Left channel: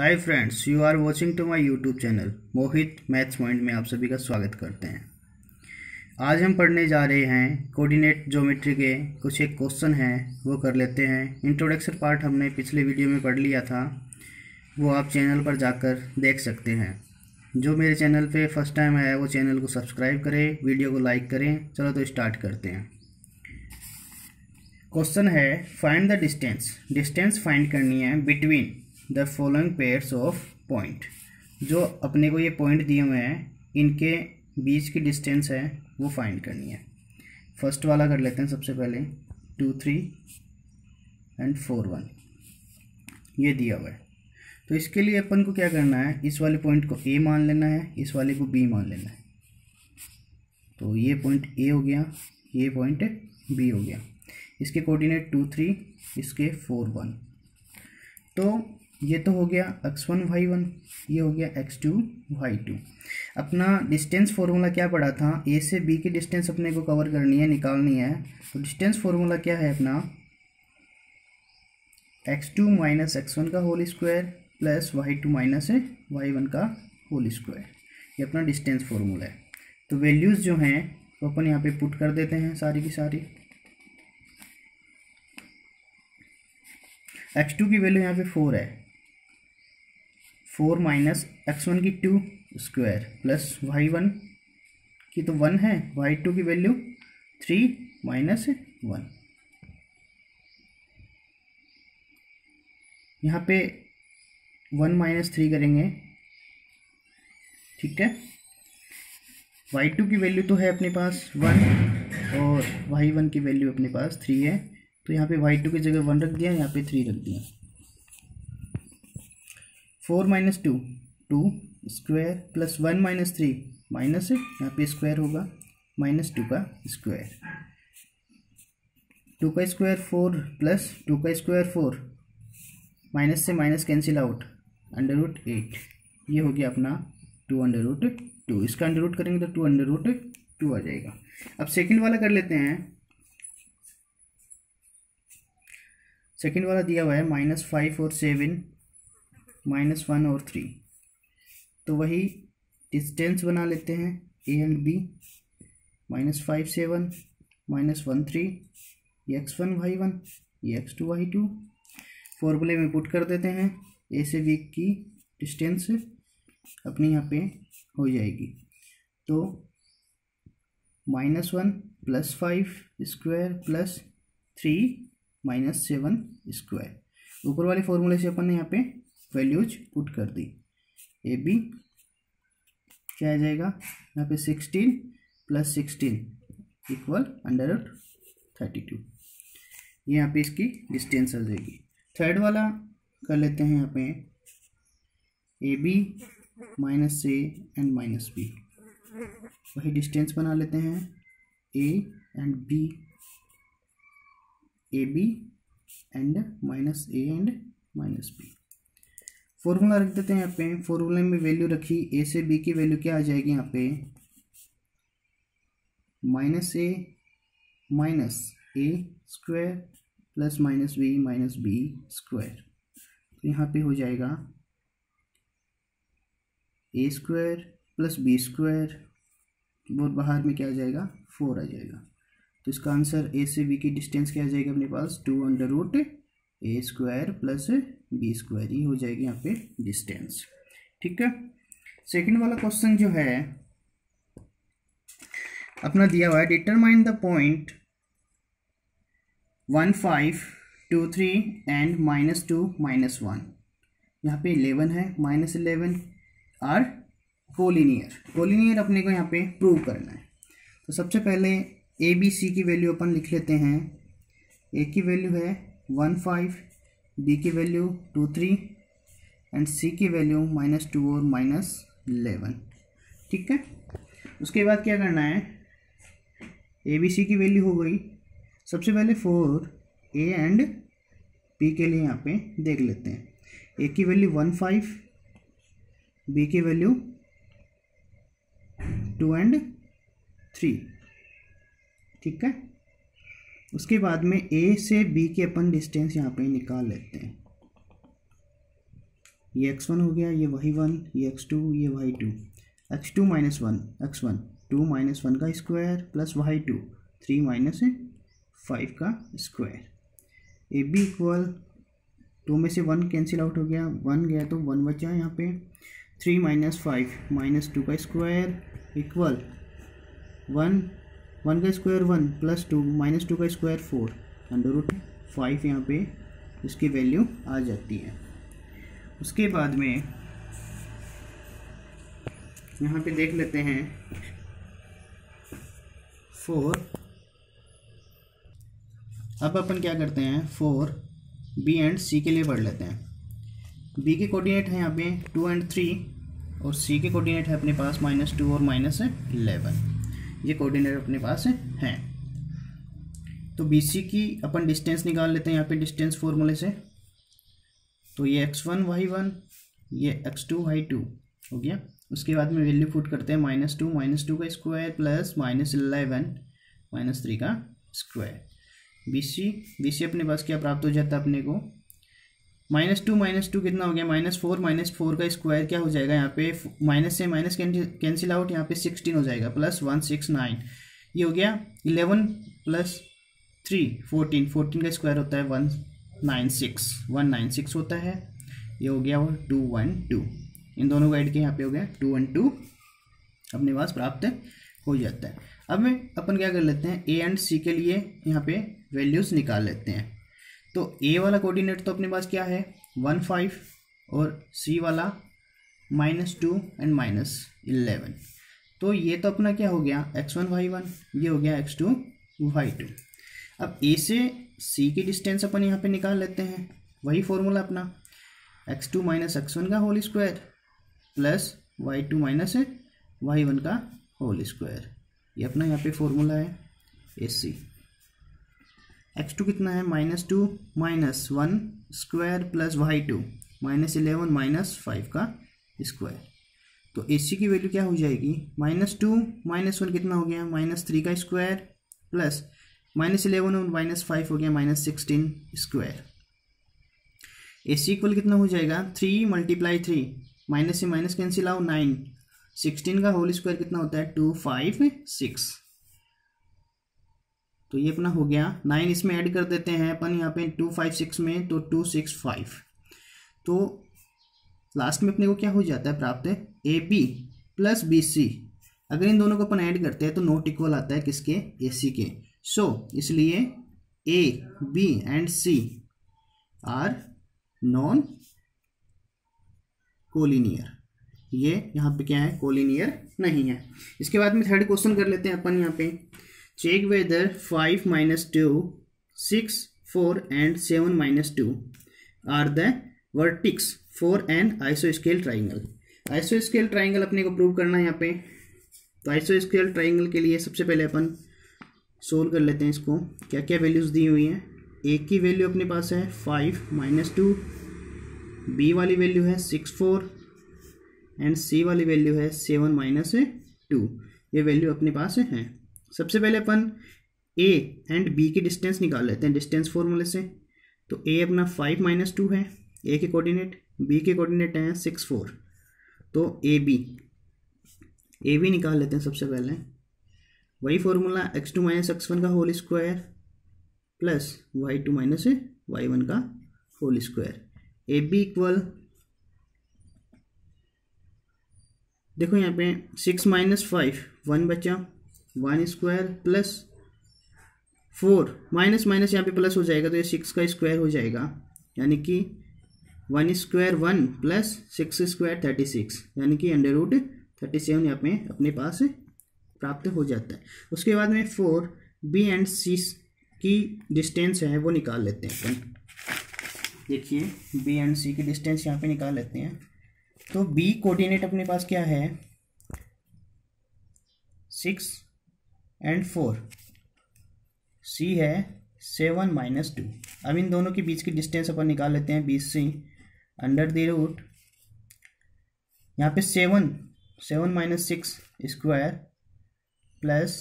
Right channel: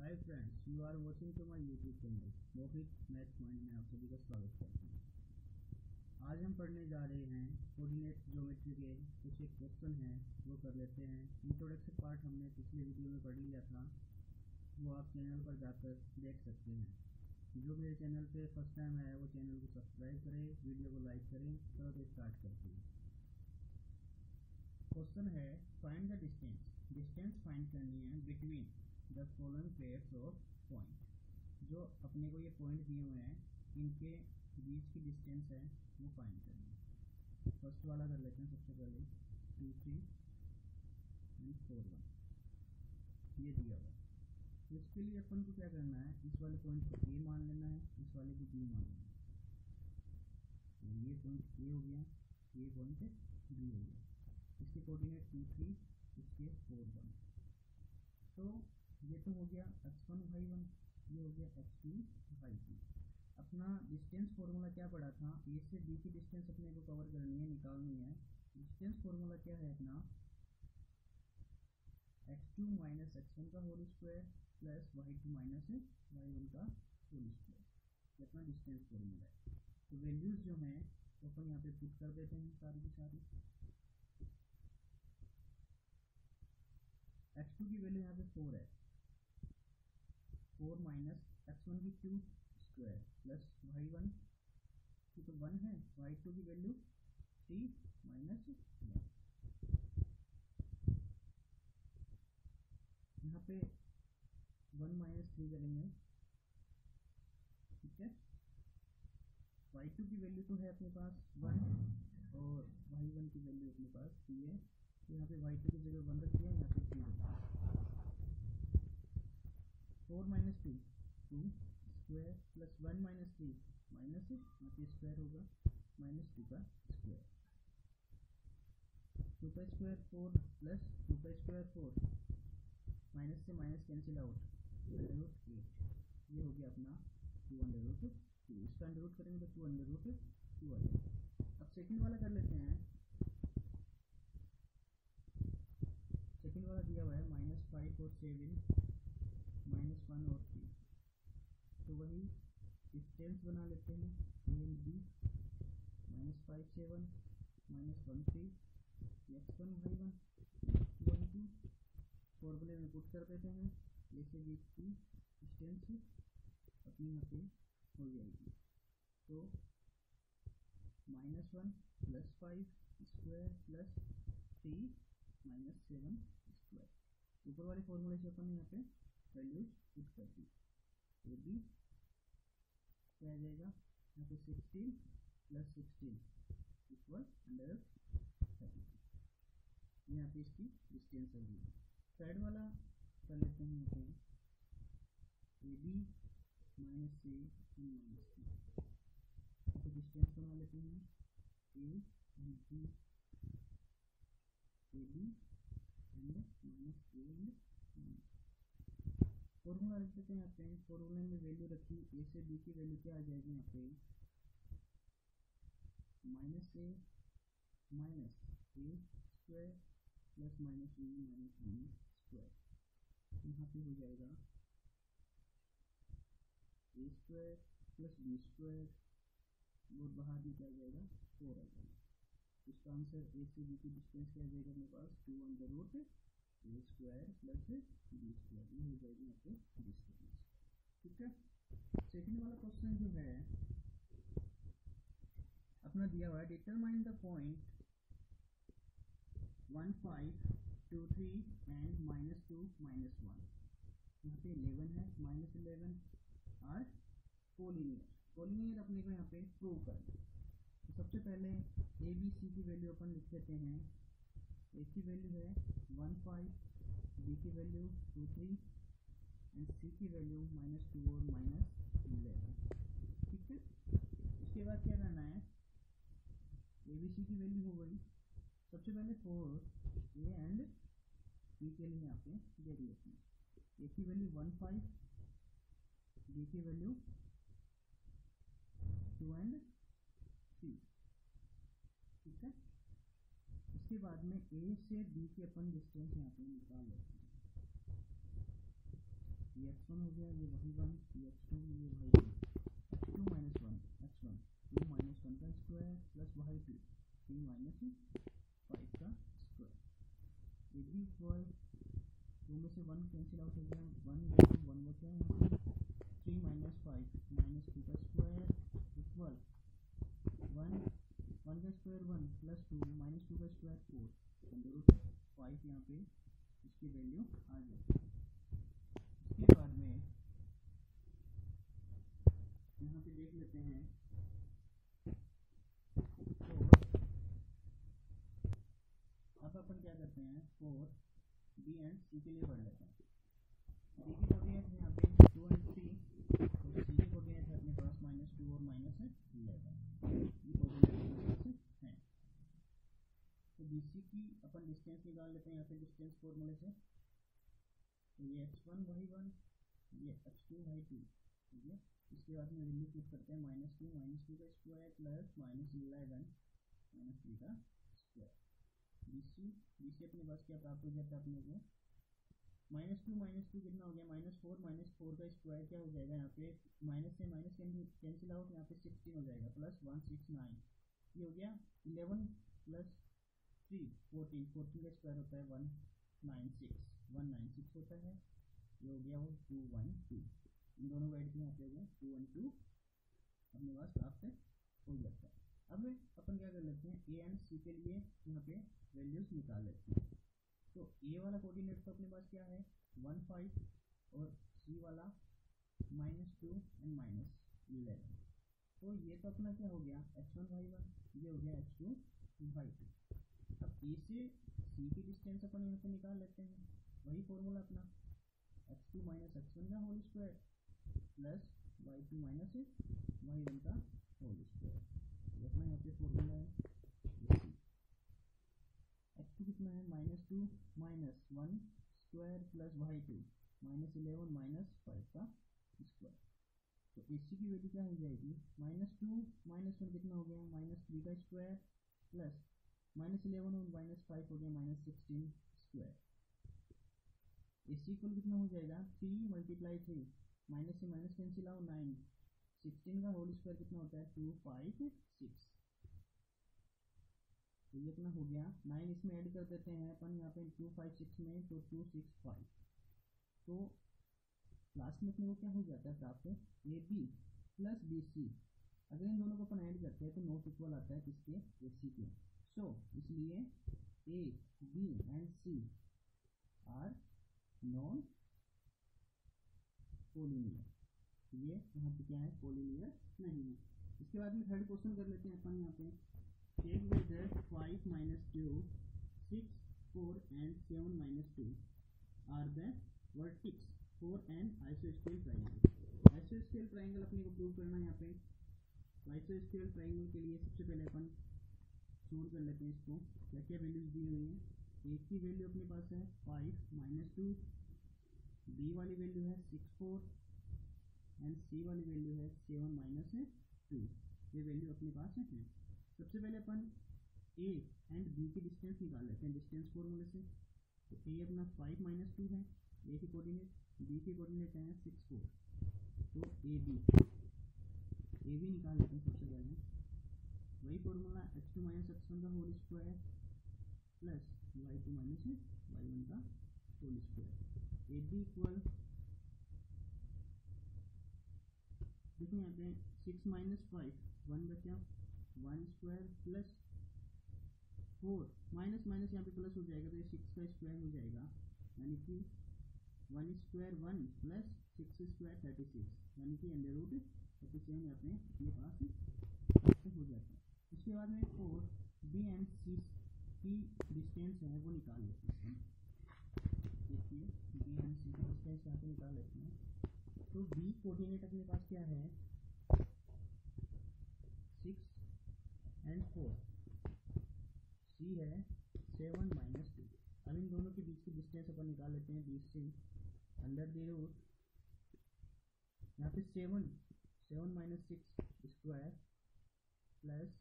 Hi friends, you are watching to my YouTube channel Mohit maths point में आप सभी का स्वागत करते हैं। आज हम पढ़ने जा रहे हैं कोऑर्डिनेट ज्योमेट्री के कुछ एक क्वेश्चन हैं, वो कर लेते हैं। इंट्रोडक्शन पार्ट हमने पिछले वीडियो में पढ़ लिया था, वो आप चैनल पर जाकर देख सकते हैं। जो मेरे चैनल पे फर्स्ट टाइम आया है वो चैनल को सब्सक्राइब करें, वीडियो को लाइक करें। चलो तो स्टार्ट करते हैं। क्वेश्चन है फाइंड द डिस्टेंस फाइंड करनी है between the following pairs of point. जो अपने को ये पॉइंट दिए हुए हैं, इनके बीच की डिस्टेंस है वो फाइंड करनी है। फर्स्ट वाला कर लेते हैं सबसे पहले, 2 3 एंड 4 1 ये दिया हुआ है। तो इसके लिए अपन को क्या करना है, इस वाले पॉइंट को ए मान लेना है, इस वाले को बी मान लेना है। तो ये पॉइंट ए हो गया, ये पॉइंट बी हो गया। इसके कोऑर्डिनेट 2 3, इसके 4 1। तो ये तो हो गया x1 y1, ये हो गया x2 y2। अपना डिस्टेंस फॉर्मूला क्या पड़ा था, ए से बी की डिस्टेंस अपने को कवर करनी है, निकालनी है। तो डिस्टेंस फॉर्मूला क्या है अपना, x2 माइनस x1 का whole square plus y2 minus y1 का होल स्क्वायर। ये अपना डिस्टेंस फॉर्मूला है। तो वैल्यूज़ जो हैं वो अपन यहाँ पे पुट कर देते हैं सारी की सारी। x2 की वैल्यू यहाँ पे 4 है, 4 माइनस x1 की 2 स्क्वायर प्लस y1 की तो 1 है, y2 की वैल्यू 3 माइनस 1। यहाँ पे 1 माइनस 3 करेंगे, ठीक है। y2 की वैल्यू तो है अपने पास 1 और y1 की वैल्यू अपने पास 3 है। तो यहाँ पे y2 की जगह 1 रख दिया, यहाँ पे 3 रख दिया। 4 minus 2 2 square plus 1 minus 3 minus, यहाँ पे स्क्वायर होगा, माइनस 2 का स्क्वायर। 2 का स्क्वायर 4 प्लस 2 का स्क्वायर 4, माइनस से माइनस कैंसिल आउट, √8। ये हो गया अपना 2√2। इसका अंडर रूट करेंगे तो 2√2 आ जाएगा। अब सेकंड वाला कर लेते हैं। सेकंड वाला दिया हुआ है -5 और 7, -1 और 3। तो वही डिस्टेंस बना लेते हैं ए एंड बी। -5 7 -1 3, ये x1 y1, ये x2 y2। फॉर्मूले में पुट कर देते हैं। ए से बी की डिस्टेंस अपनी यहाँ पे हो जाएगी। तो -1 plus 5 square plus 3 minus 7 square. ऊपर वाले फॉर्मूले से अपन ने यहाँ पे वैल्यूज पुट कर दी। ए बी क्या आ जाएगा, यहाँ पे 16 प्लस 16 इक्वल √32। ये यहाँ पे इसकी डिस्टेंस आ जाएगी। थर्ड वाला कर लेते हैं। यहाँ पे A B minus A and minus B, वही डिस्टेंस बना लेते हैं A and B, A B and minus A and minus B. Formula रख देते हैं यहाँ पे। फॉर्मूले में वैल्यू रखी, ए से बी की वैल्यू क्या आ जाएगी यहाँ पे, -a square plus -b square. तो यहाँ पे हो जाएगा a square plus b square, और बाहर में क्या आ जाएगा, 4 आ जाएगा। तो इसका आंसर ए से बी की डिस्टेंस क्या आ जाएगा अपने पास, 2√a square plus b square. ये हो जाएगी यहाँ पे डिस्टेंस, ठीक है। सेकंड वाला क्वेश्चन जो है अपना दिया हुआ है, डिटरमाइन द पॉइंट 1 5 2 3 एंड -2 -1। यहाँ पे 11 है, -11 आर कोलिनियर अपने को यहाँ पे प्रूव करना है। तो सबसे पहले ए बी सी की वैल्यू अपन लिख लेते हैं। ए की वैल्यू है 1 5, बी की वैल्यू 2 3 एंड सी की वैल्यू -2 और -11, ठीक है। उसके बाद क्या करना है, ए बी सी की वैल्यू हो गई। सबसे पहले 4 ए एंड बी के लिए यहाँ पे देख लेते हैं। ए की वैल्यू 1 5, बी की वैल्यू 2 एंड 3, ठीक है। उसके बाद में ए से बी के अपन डिस्टेंस यहाँ पे निकाल लेते हैं। ये x1 हो गया, ये y1, ये x2, ये y2, x2 minus one x1 2 minus 1 का स्क्वायर प्लस y2 3 माइनस 5 का स्क्वायर। ए बी इक्वल 2 में से 1 कैंसिल आउट हो गया, 1 गया तो 1 बचा यहाँ पे, 3 माइनस 5 माइनस 2 का स्क्वायर इक्वल 1 का स्क्वायर 1 प्लस 2 माइनस 2 का स्क्वायर 4 अंडर रूट 5 यहाँ पे इसकी वैल्यू आ जाती है। उसके बाद में यहाँ पे देख लेते हैं 4। अब अपन क्या करते हैं 4 बी एंड सी के लिए पढ़ लेते हैं। बी के कोऑर्डिनेट है यहाँ पे 2 एंड 3 और सी के कोऑर्डिनेट है अपने पास -2 और -11। ये कोऑर्डिनेट अपने पास हैं। तो बी सी की अपन डिस्टेंस निकाल लेते हैं यहाँ पे डिस्टेंस फॉर्मूले से। तो ये x1 y1, ये x2 y2 हो गया। उसके बाद में वैल्यू पुट करते हैं -2 का स्क्वायर प्लस -11 -3 का स्क्वायर। बी सी अपने पास क्या प्राप्त हो जाता है अपने को, -2 कितना हो गया, -4 का स्क्वायर क्या हो जाएगा यहाँ पे, माइनस से माइनस कैंसिल आउट, यहाँ पे 16 हो जाएगा प्लस 169। ये हो गया 11 प्लस 3 14 का स्क्वायर होता है 196 होता है। ये हो गया वो 212, इन दोनों को ऐड किया यहाँ पे हो गया 212 अपने पास प्राप्त हो जाता है। अब में अपन क्या कर लेते हैं ए एंड सी के लिए यहाँ पे वैल्यूज़ निकाल लेते हैं। तो ए वाला कोऑर्डिनेट तो अपने पास क्या है 1 5 और सी वाला -2 एंड -11। तो ये तो अपना क्या हो गया x1 y1, ये हो गया x2 y2। अब ए से सी की डिस्टेंस अपन यहाँ पे निकाल लेते हैं, वही फॉर्मूला अपना x2 माइनस x1 का whole square plus y2 minus y1 का होल स्क्वायर। ये अपना यहाँ पे फॉर्मूला है ए सी। x2 कितना है -2 minus 1 square plus y2 -11 minus 5 का स्क्वायर। तो AC की वैल्यू क्या हो जाएगी, -2 -1 कितना हो गया -3 का स्क्वायर प्लस -11 और -5 हो गया -16 स्क्वायर। AC इक्वल कितना हो जाएगा 3 × 3 माइनस से माइनस कैंसिल आओ 9, 16 का होल स्क्वायर कितना होता है 256। तो ये अपना हो गया 9, इसमें ऐड कर देते हैं अपन यहाँ पे 256 में तो 265। तो लास्ट में अपने को क्या हो जाता है प्राप्त है A B plus B C. अगर इन दोनों को अपन ऐड करते हैं तो नॉट इक्वल आता है किसके, ए सी के। सो इसलिए A B and C are non collinear. ये यहाँ पे क्या है कोलिनियर नहीं है। इसके बाद में थर्ड क्वेश्चन कर लेते हैं अपन यहाँ पे, check whether 5 - 2 6 4 and 7 - 2 are the vertices for an आइसोस्केल triangle. आइसोस्केल triangle अपने को प्रूव करना है यहाँ पे। तो आइसोस्केल ट्राइंगल के लिए सबसे पहले अपन सोल्व कर लेते हैं इसको, क्या क्या वैल्यूज़ दी हुई हैं। ए की वैल्यू अपने पास है 5 - 2, बी वाली वैल्यू है 6 4 एंड सी वाली वैल्यू है 7 - 2। ये वैल्यू अपने पास है। सबसे पहले अपन ए एंड बी की डिस्टेंस निकाल लेते हैं डिस्टेंस फॉर्मूले से। तो ए अपना 5 - 2 है ए के कोऑर्डिनेट, बी के कोऑर्डिनेट हैं 6 4। तो ए बी निकाल लेते हैं सबसे पहले, वही फॉर्मूला x2 - x1 का whole square plus y2 - y1 का whole square. A B equal देखो यहाँ पे 6 - 5 1 बचा, 1 स्क्वायर प्लस 4 माइनस माइनस यहाँ पे प्लस हो जाएगा तो ये 6 का स्क्वायर हो जाएगा, यानी कि 1 स्क्वायर 1 प्लस 6 स्क्वायर 36, यानी कि √37 यहाँ पे अपने पास प्राप्त हो जाता है। उसके बाद में 4 बी एंड सी की डिस्टेंस है वो निकाल लेते हैं अपन। देखिए बी एंड सी की डिस्टेंस यहाँ पे निकाल लेते हैं। तो बी कोऑर्डिनेट अपने पास क्या है 6 and 4, सी है 7 - 2। अब इन दोनों के बीच की डिस्टेंस अपन निकाल लेते हैं BC अंडर द रूट यहाँ पे 7 - 6 स्क्वायर प्लस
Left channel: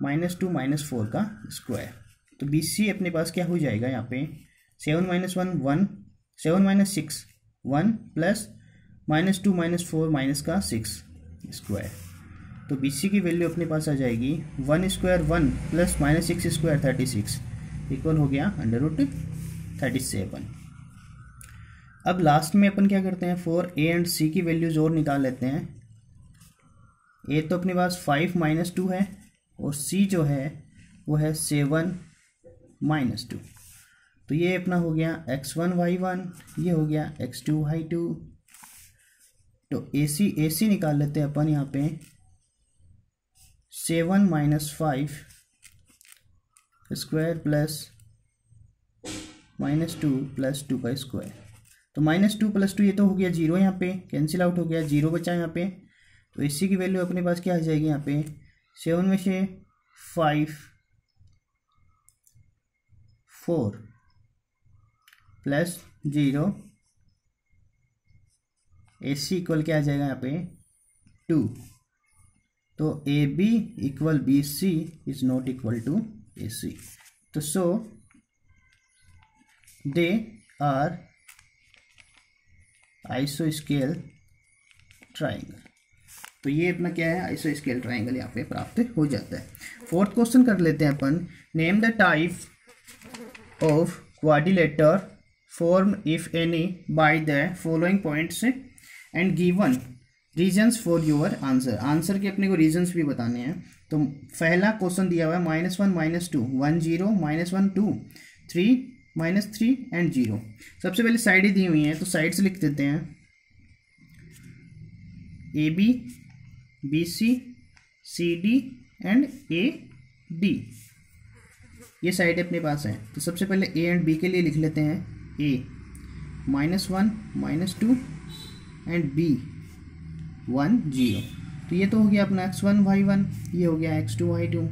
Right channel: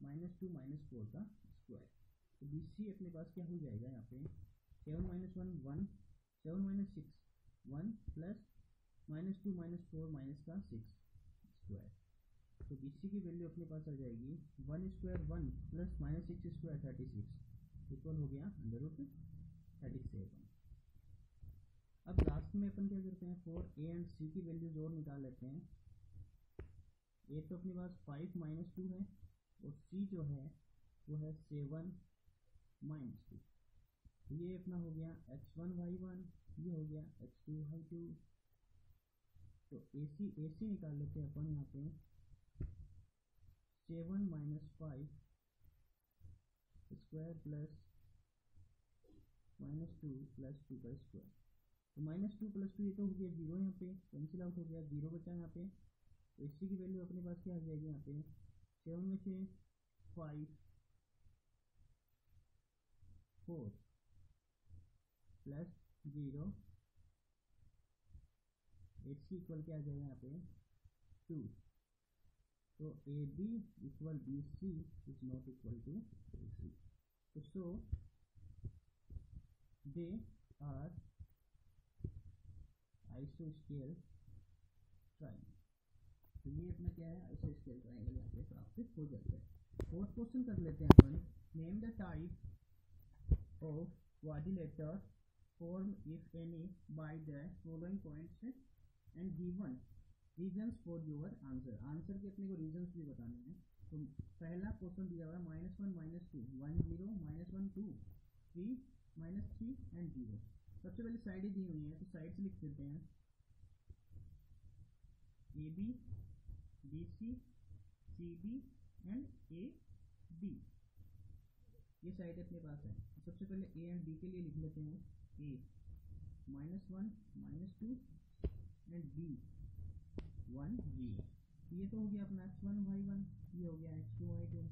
-2 - 4 का स्क्वायर। तो BC अपने पास क्या हो जाएगा यहाँ पे 7 - 1 1 7 माइनस 6 1 प्लस -2 -4 माइनस का 6 स्क्वायर। तो बी सी की वैल्यू अपने पास आ जाएगी 1 स्क्वायर 1 प्लस -6 स्क्वायर 36 इक्वल हो गया √37। अब लास्ट में अपन क्या करते हैं, फॉर ए एंड सी की वैल्यूज और निकाल लेते हैं। ए तो अपने पास 5 - 2 है और सी जो है वो है 7 - 2। तो ये अपना हो गया x1 y1, ये हो गया x2 y2। तो ए सी निकाल लेते हैं अपन यहाँ पे 7 - 5 स्क्वायर प्लस -2 + 2 का स्क्वायर। तो -2 + 2 ये तो हो गया 0, यहाँ पे कैंसिल आउट हो गया, 0 बचा यहाँ पे। तो इसी की वैल्यू अपने पास क्या आ जाएगी यहाँ पे 7 में से 5 4 प्लस 0 ए सी इक्वल क्या आ जाएगा यहाँ पे 2। तो A B equal B C is not equal to A C. तो सो दे आर आइसोस्केल ट्राइंगल। तो ये अपना क्या है, आइसोस्केल ट्राइंगल यहाँ पे प्राप्त हो जाता है। फोर्थ क्वेश्चन कर लेते हैं अपन। Name the type of quadrilateral form if any by the following points and given reasons for your answer. Answer के अपने को रीजन्स भी बताने हैं। तो पहला क्वेश्चन दिया हुआ है -1 - 2 1 0 -1 2 3 -3 एंड 0। सबसे पहले साइडें दी हुई हैं तो साइड्स लिख देते हैं A B B C C D and A D. ये साइड अपने पास है। तो सबसे पहले ए एंड बी के लिए लिख लेते हैं ए -1 - 2 एंड बी 1 0। तो ये तो हो गया अपना x1 y1, ये हो गया x2 y2।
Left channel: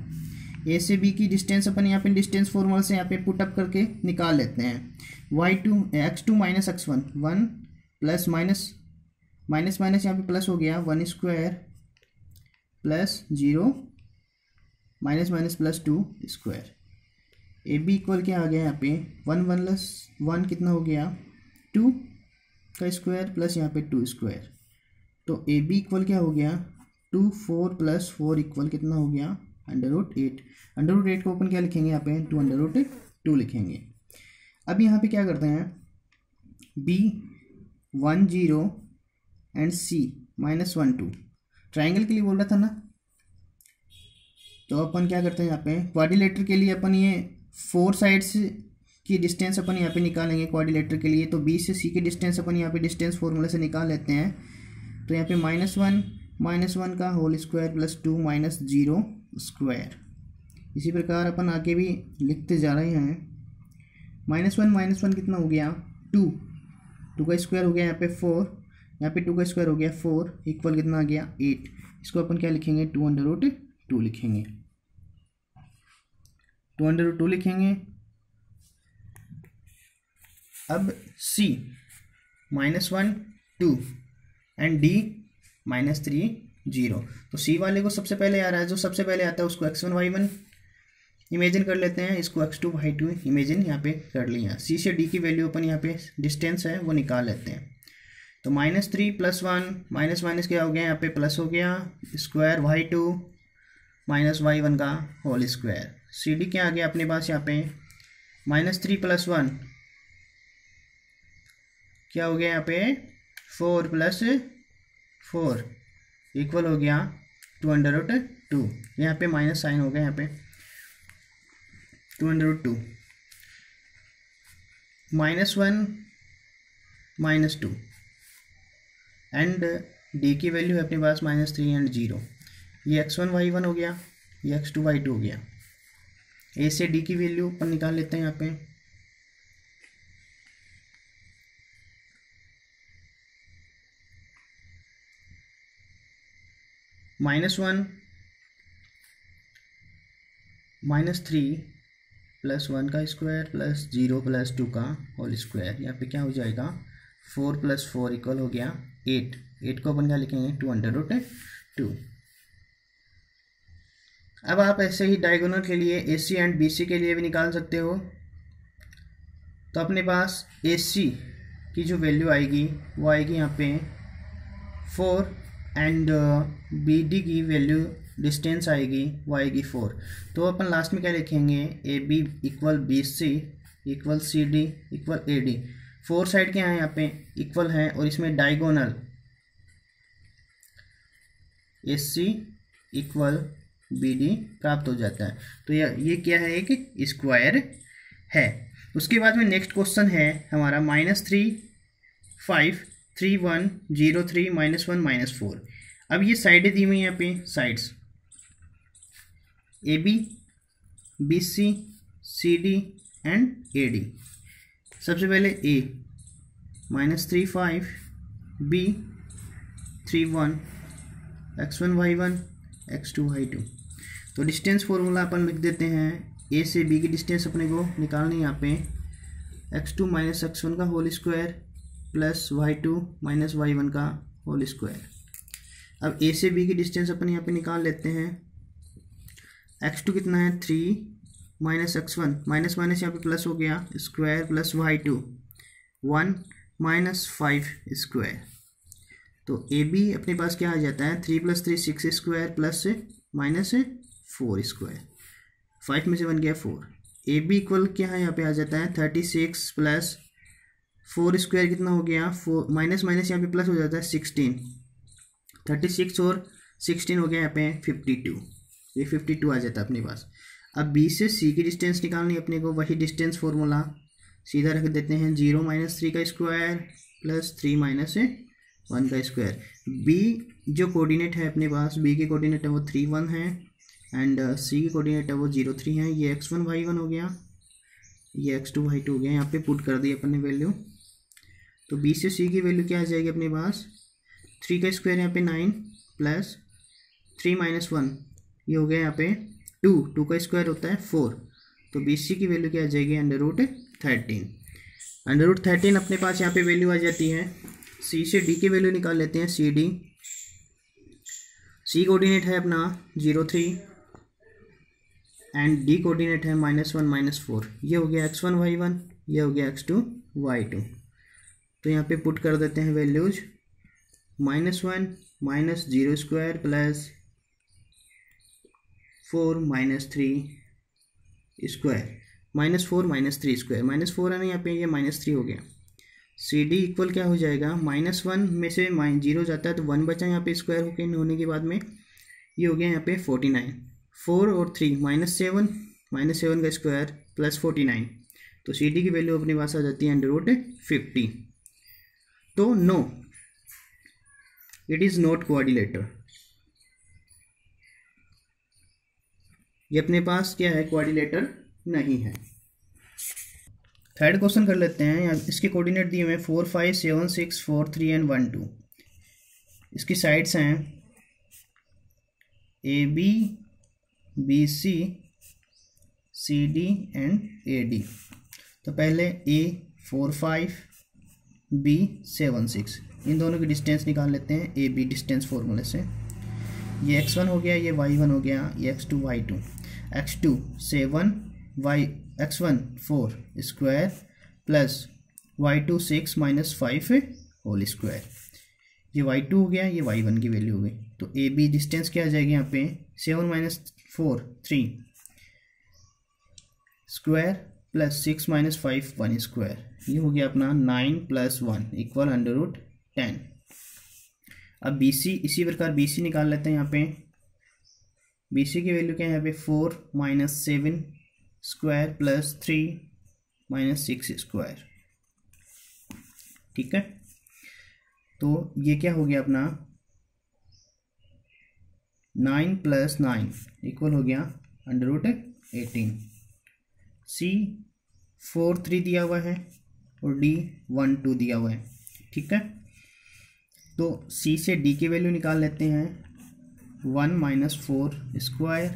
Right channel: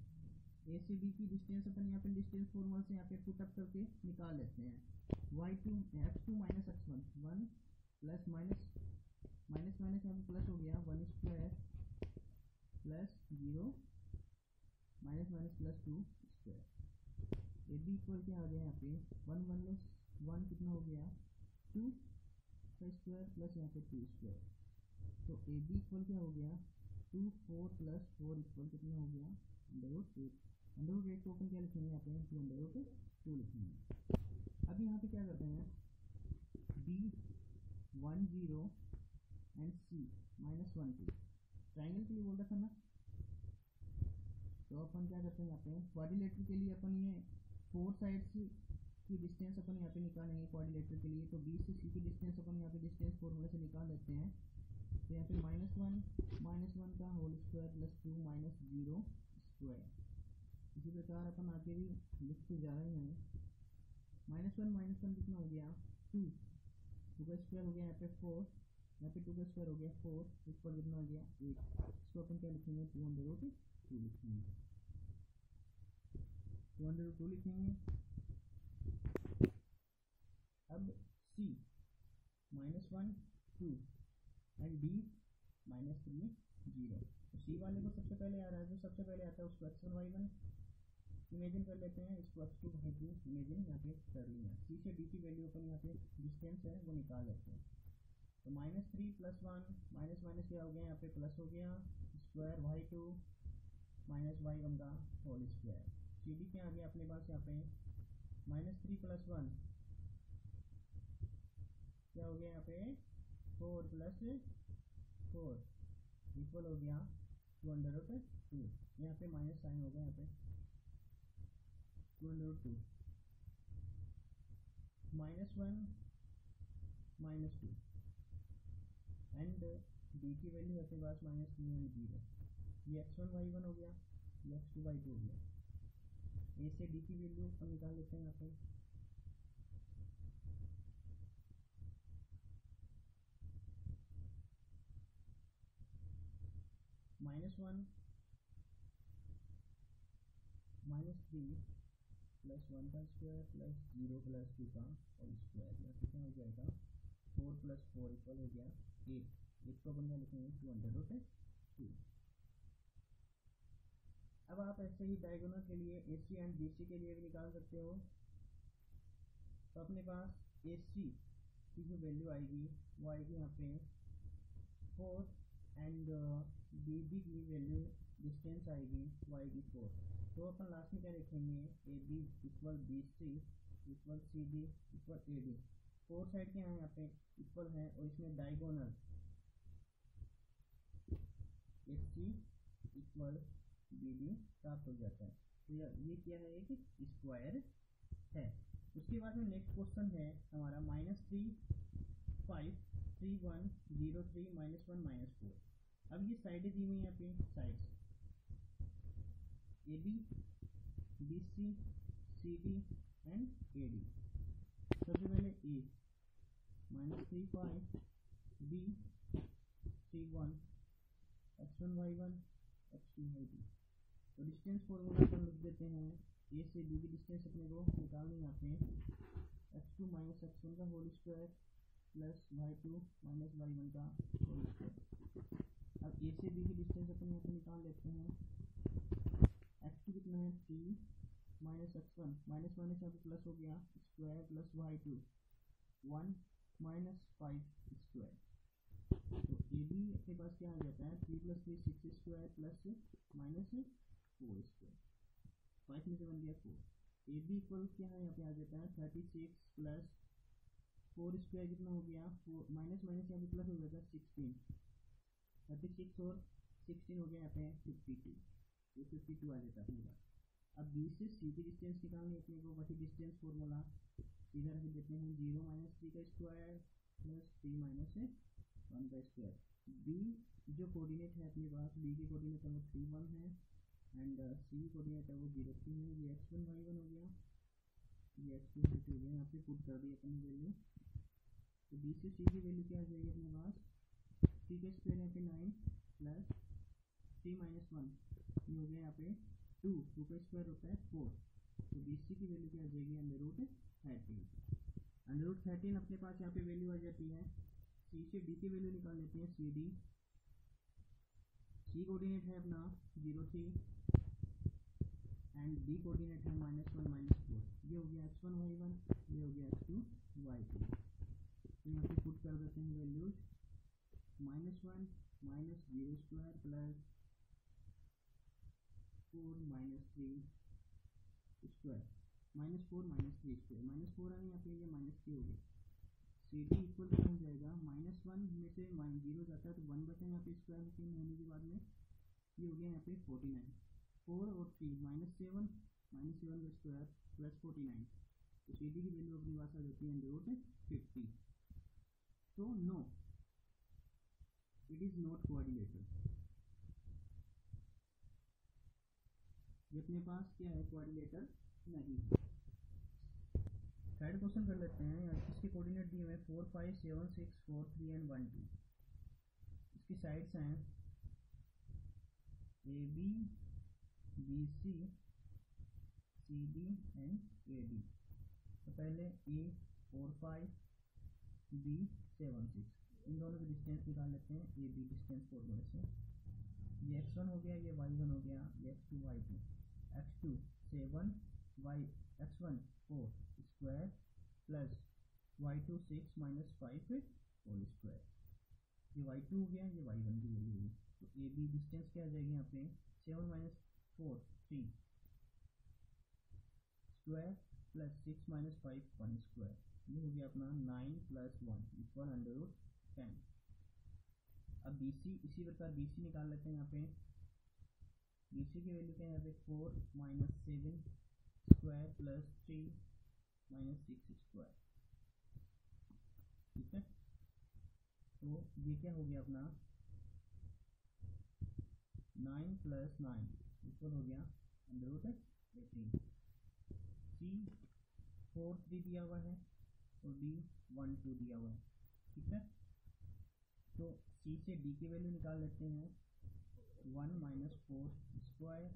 ए से बी की डिस्टेंस अपन यहाँ पे डिस्टेंस फॉर्मूला से यहाँ पे पुटअप करके निकाल लेते हैं। x2 - x1 1 प्लस माइनस यहाँ पे प्लस हो गया 1 square plus 0 minus plus 2 square. A B equal क्या आ गया यहाँ पे 1 + 1 कितना हो गया 2 का स्क्वायर प्लस यहाँ पे 2 स्क्वायर। तो ए बी इक्वल क्या हो गया 2 4 + 4 इक्वल कितना हो गया √8। √8 को अपन क्या लिखेंगे यहाँ पे 2 लिखेंगे। अब यहाँ पे क्या करते हैं बी 1 0 एंड सी -1 2 ट्राइंगल के लिए बोल रहा था ना। तो अपन क्या करते हैं यहाँ पे क्वाड्रिलेटर के लिए अपन ये 4 साइड्स की डिस्टेंस अपन यहाँ पे निकालेंगे क्वाड्रिलेटर के लिए। तो बी से सी की डिस्टेंस अपन यहाँ पे डिस्टेंस फॉर्मूला से निकाल लेते हैं। तो यहाँ पे -1 का होल स्क्वायर प्लस 2 -0 स्क्वायर। इसी प्रकार अपन आगे भी लिखते जा रहे हैं। -1 कितना हो गया 2 का स्क्वायर हो गया यहाँ पे 4, यहाँ पे 2 का स्क्वायर हो गया 4 इक्वल कितना आ गया 8। इसको अपन क्या लिखेंगे 2 लिखेंगे 2 लिखेंगे। अब C -1 2 एंड D -3 0। तो C वाले को सबसे पहले आ रहा है, जो सबसे पहले आता है उसको x1 y1 इमेजिन कर लेते हैं, इसको x2 y2 इमेजिन यहाँ पे कर लिया। C से D की वैल्यू अपन यहाँ पे डिस्टेंस है वो निकाल लेते हैं। तो -3 + 1 माइनस क्या हो गया यहाँ पे प्लस हो गया स्क्वायर y2 -y1 का होल स्क्वायर। सी डी क्या आ गया अपने पास यहाँ पे -3 + 1 क्या हो गया यहाँ पे 4 + 4 इक्वल हो गया 2√2। यहाँ पे माइनस साइन हो गया यहाँ पे 2√2 -1 -2 एंड डी की वैल्यू है अपने पास -3 एंड 0। ये x1 y1 हो गया, ये x2 y2 हो गया। ए से डी की वैल्यू अपन निकाल लेते हैं यहाँ पे। -1 -3 + 1 का स्क्वायर प्लस 0 + 2 का होल स्क्वायर। यहाँ पे क्या हो जाएगा 4 + 4 इक्वल हो गया 8 को अपन क्या लिखेंगे 2√2। अब आप ऐसे ही डायगोनल के लिए AC एंड BC के लिए भी निकाल सकते हो। तो अपने पास AC की जो वैल्यू आएगी वो आएगी यहाँ पे 4 एंड बी डी की वैल्यू डिस्टेंस आएगी वो आएगी 4। तो अपन लास्ट में क्या लिखेंगे, A B equal B C equal C D equal A D. 4 side क्या है यहाँ पे इक्वल है और इसमें diagonal A C equal B D प्राप्त हो जाता है। तो ये क्या है, एक स्क्वायर है। उसके बाद में नेक्स्ट क्वेश्चन है हमारा -3 5 3 1 0 3 -1 -4। अब ये साइडें दी हुई हैं यहाँ पे, sides A B B C C D and A D. सबसे पहले ए -3 5 B 3 1 x1 y1 x2 y2। तो डिस्टेंस फॉर्मूला अपन लिख देते हैं, ए से बी की डिस्टेंस अपने को निकालनी है यहाँ पे x2 - x1 का whole square plus y2 - y1 का होल स्क्वायर। अब ए से बी की डिस्टेंस अपन यहाँ पे निकाल लेते हैं, x2 कितना है 3 - x1 माइनस माइनस यहाँ पे प्लस हो गया स्क्वायर प्लस y2 1 - 5 स्क्वायर। तो ए बी अपने पास क्या आ जाता है 3 + 3 6 स्क्वायर प्लस -4 स्क्वायर। 5 में से बन गया 4। ए बी इक्वल क्या है यहाँ पे आ जाता है 36 प्लस 4 स्क्वायर कितना हो गया 4 माइनस माइनस यहाँ पे प्लस हो जाता है 16। 36 और 16 हो गया यहाँ पे 52। ये 52 आ जाता है अपने पास। अब बी से सी की डिस्टेंस निकालनी है अपने को, वही डिस्टेंस फॉर्मूला सीधा रख देते हैं 0 - 3 का स्क्वायर प्लस 3 - 1 का स्क्वायर। बी जो कोऑर्डिनेट है अपने पास, बी के कोऑर्डिनेट है वो 3 1 है एंड सी की कोऑर्डिनेट है वो 0 3 है। ये x1 y1 हो गया, ये x2 y2 हो गया। यहाँ पे पुट कर दी अपन ने वैल्यू। तो बी से सी की वैल्यू क्या आ जाएगी अपने पास 3 का स्क्वायर यहाँ पे 9 प्लस 3 - 1 ये हो गया यहाँ पे 2 का स्क्वायर होता है 4। तो बी सी की वैल्यू क्या आ जाएगी √13। √13 अपने पास यहाँ पे वैल्यू आ जाती है। सी से डी की वैल्यू निकाल लेते हैं, सी डी। सी कोऑर्डिनेट है अपना 0 3 एंड डी कोऑर्डिनेट है -1 -4। ये हो गया x1 y1, ये हो गया x2 y2। तो यहाँ पे पुट कर देते हैं values -1 - 0 square plus 4 - 3 square -4 - 3 square. -4 है ना यहाँ पे, ये -3 हो गया। सी डी इक्वल क्या हो जाएगा -1 में से -0 जाता है तो 1 बचा यहाँ पे स्क्वायर होने के बाद में ये हो गया यहाँ पे 49। 4 और 3 -7 का स्क्वायर प्लस 49। तो सी डी की वैल्यू अपने पास आ जाती है √50। तो no, it is not quadrilateral. ये अपने पास क्या है क्वाड्रिलेटर नहीं है। थर्ड क्वेश्चन कर लेते हैं। इसके कोऑर्डिनेट दिए हुए 4 5 7 6 4 3 एंड 1 2। इसकी साइड्स हैं A B B C C D and A D. तो पहले ए 4 5 बी 7 6, इन दोनों की डिस्टेंस निकाल लेते हैं ए बी डिस्टेंस फॉर्मूले से। ये x1 हो गया, ये y1 हो गया, ये x2 y2। x2 7 x1 4 square plus y2 6 - 5 whole square. ये y2 हो गया, ये y1 की वैल्यू हो गई। तो ए बी डिस्टेंस क्या आ जाएगी यहाँ पे 7 - 4 3 स्क्वायर प्लस 6 - 5 1 स्क्वायर। ये हो गया अपना 9 + 1 इक्वल √10। अब बी सी इसी प्रकार बी सी निकाल लेते हैं। यहाँ पे बी सी की वैल्यू क्या है यहाँ पे 4 - 7 स्क्वायर प्लस 3 - 6 स्क्वायर। ठीक है, तो ये क्या हो गया अपना 9 + 9 इक्वल हो गया √18। सी 4 3 दिया हुआ है और डी 1 2 दिया हुआ है। ठीक है, तो सी से डी की वैल्यू निकाल लेते हैं 1 - 4 स्क्वायर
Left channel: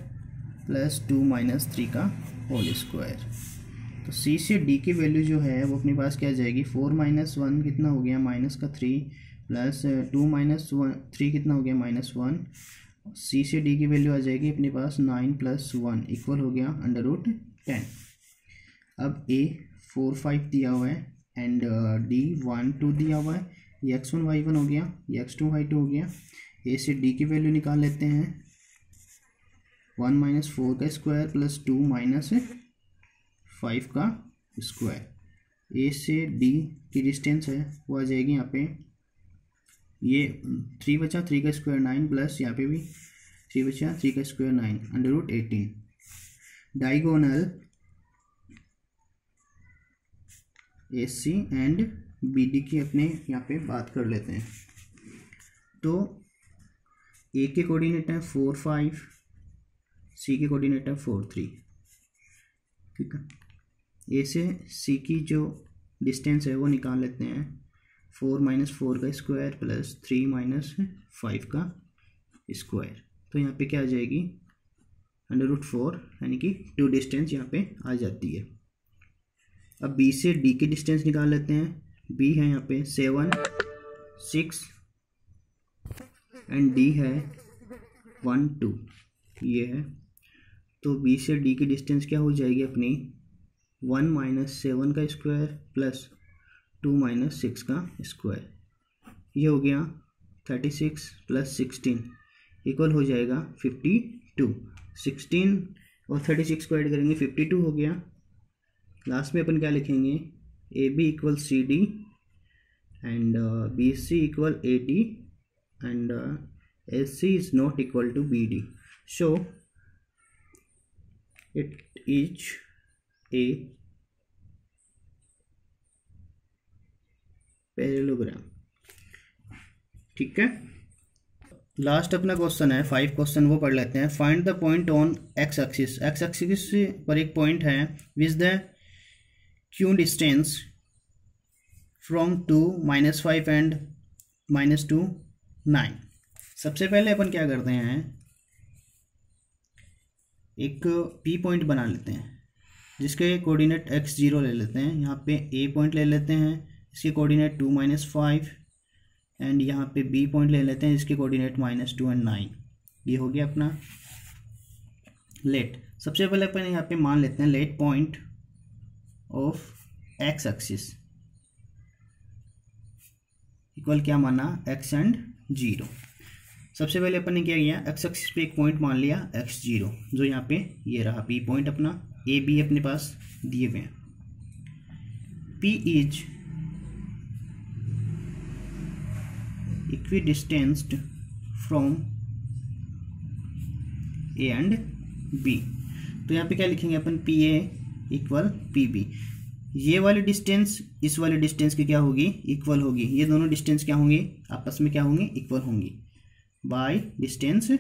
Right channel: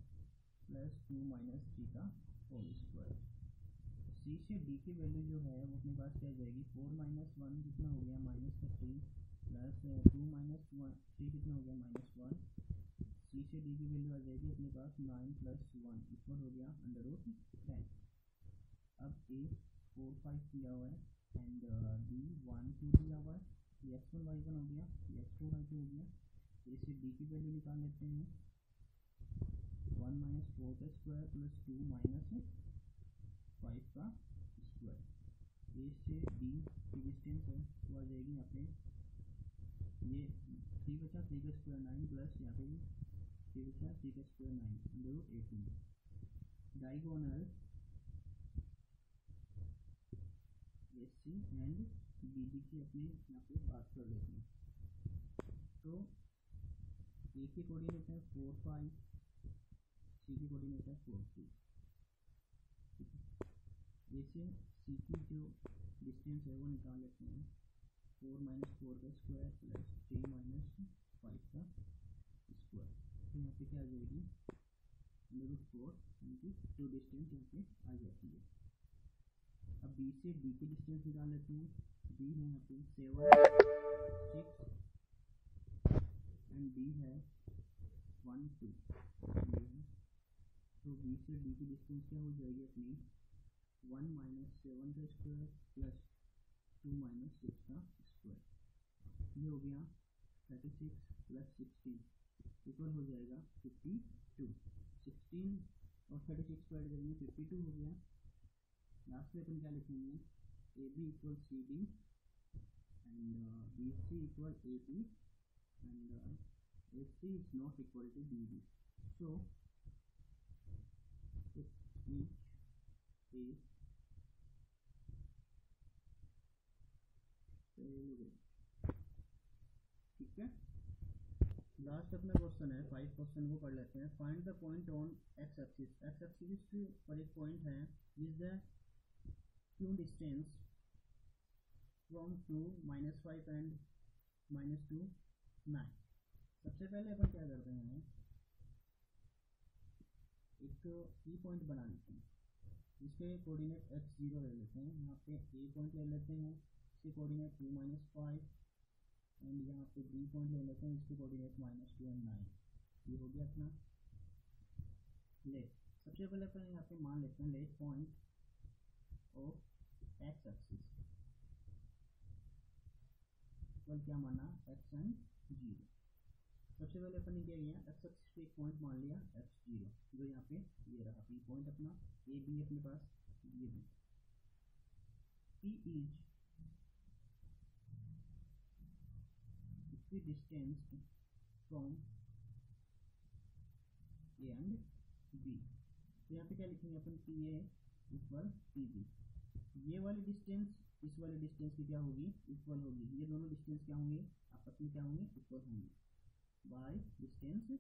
प्लस 2 - 3 का होल स्क्वायर। तो सी से डी की वैल्यू जो है वो अपने पास क्या आ जाएगी 4 - 1 कितना हो गया -3 प्लस 2 - 3 कितना हो गया -1। सी से डी की वैल्यू आ जाएगी अपने पास 9 + 1 इक्वल हो गया √10। अब ए 4 5 दिया हुआ है एंड डी 1 2 दिया हुआ है, ये x1 y1 हो गया, ये x2 y2 हो गया। ए से डी की वैल्यू निकाल लेते हैं, 1 - 4 का स्क्वायर प्लस 2 - 5 का स्क्वायर। ए से डी की डिस्टेंस है वो आ जाएगी यहाँ पे, ये 3 बचा, 3 का स्क्वायर 9 प्लस यहाँ पे भी 3 बचा, 3 का square 9 √18। Diagonal A C and B D की अपने यहाँ पे बात कर लेते हैं। तो ए के कोऑर्डिनेट है 4 5, सी के कोऑर्डिनेट है 4 3, ठीक है। ए से सी की जो डिस्टेंस है वो निकाल लेते हैं, 4 - 4 का स्क्वायर प्लस 3 - 5 का स्क्वायर। तो यहाँ पे क्या आ जाएगी, √4, यानी कि 2 डिस्टेंस यहाँ पे आ जाती है। अब बी से डी की डिस्टेंस निकाल लेते हैं। बी है यहाँ पे 7 6 एंड डी है 1 2, ये है। तो बी से डी की डिस्टेंस क्या हो जाएगी अपनी, 1 - 7 का स्क्वायर प्लस 2 - 6 का स्क्वायर। ये हो गया 36 + 16 इक्वल हो जाएगा 52। 16 और 36 को ऐड करेंगे 52 हो गया। लास्ट में अपन क्या लिखेंगे, A B equal C D and B C equal A D and S C is not equal to B D. So it is a parallelogram, ठीक है। लास्ट अपना क्वेश्चन है 5 क्वेश्चन, वो पढ़ लेते हैं। Find the point on x axis. X axis पर एक पॉइंट है which the Q distance from 2 -5 and -2 9। सबसे पहले अपन क्या करते हैं, एक पी पॉइंट बना लेते हैं जिसके कोऑर्डिनेट x0 ले लेते हैं। यहाँ पे ए पॉइंट ले लेते हैं, इसके कोऑर्डिनेट 2 - 5 एंड यहाँ पे बी पॉइंट ले लेते हैं, इसके कोऑर्डिनेट -2 एंड 9। ये हो गया अपना लेट। सबसे पहले अपन यहाँ पे मान लेते हैं let point of x axis equal क्या माना, x एंड 0। सबसे पहले अपन ने क्या किया, एक्स एक्सिस पे एक पॉइंट मान लिया x0, जो यहाँ पे ये रहा पी पॉइंट अपना। ए बी अपने पास दिए हुए हैं। P is equidistant from A and B. तो यहाँ पे क्या लिखेंगे अपन, P A equal P B. ये वाली डिस्टेंस इस वाली डिस्टेंस की क्या होगी, इक्वल होगी। ये दोनों डिस्टेंस क्या होंगी, आपस में क्या होंगी, इक्वल होंगी बाय डिस्टेंस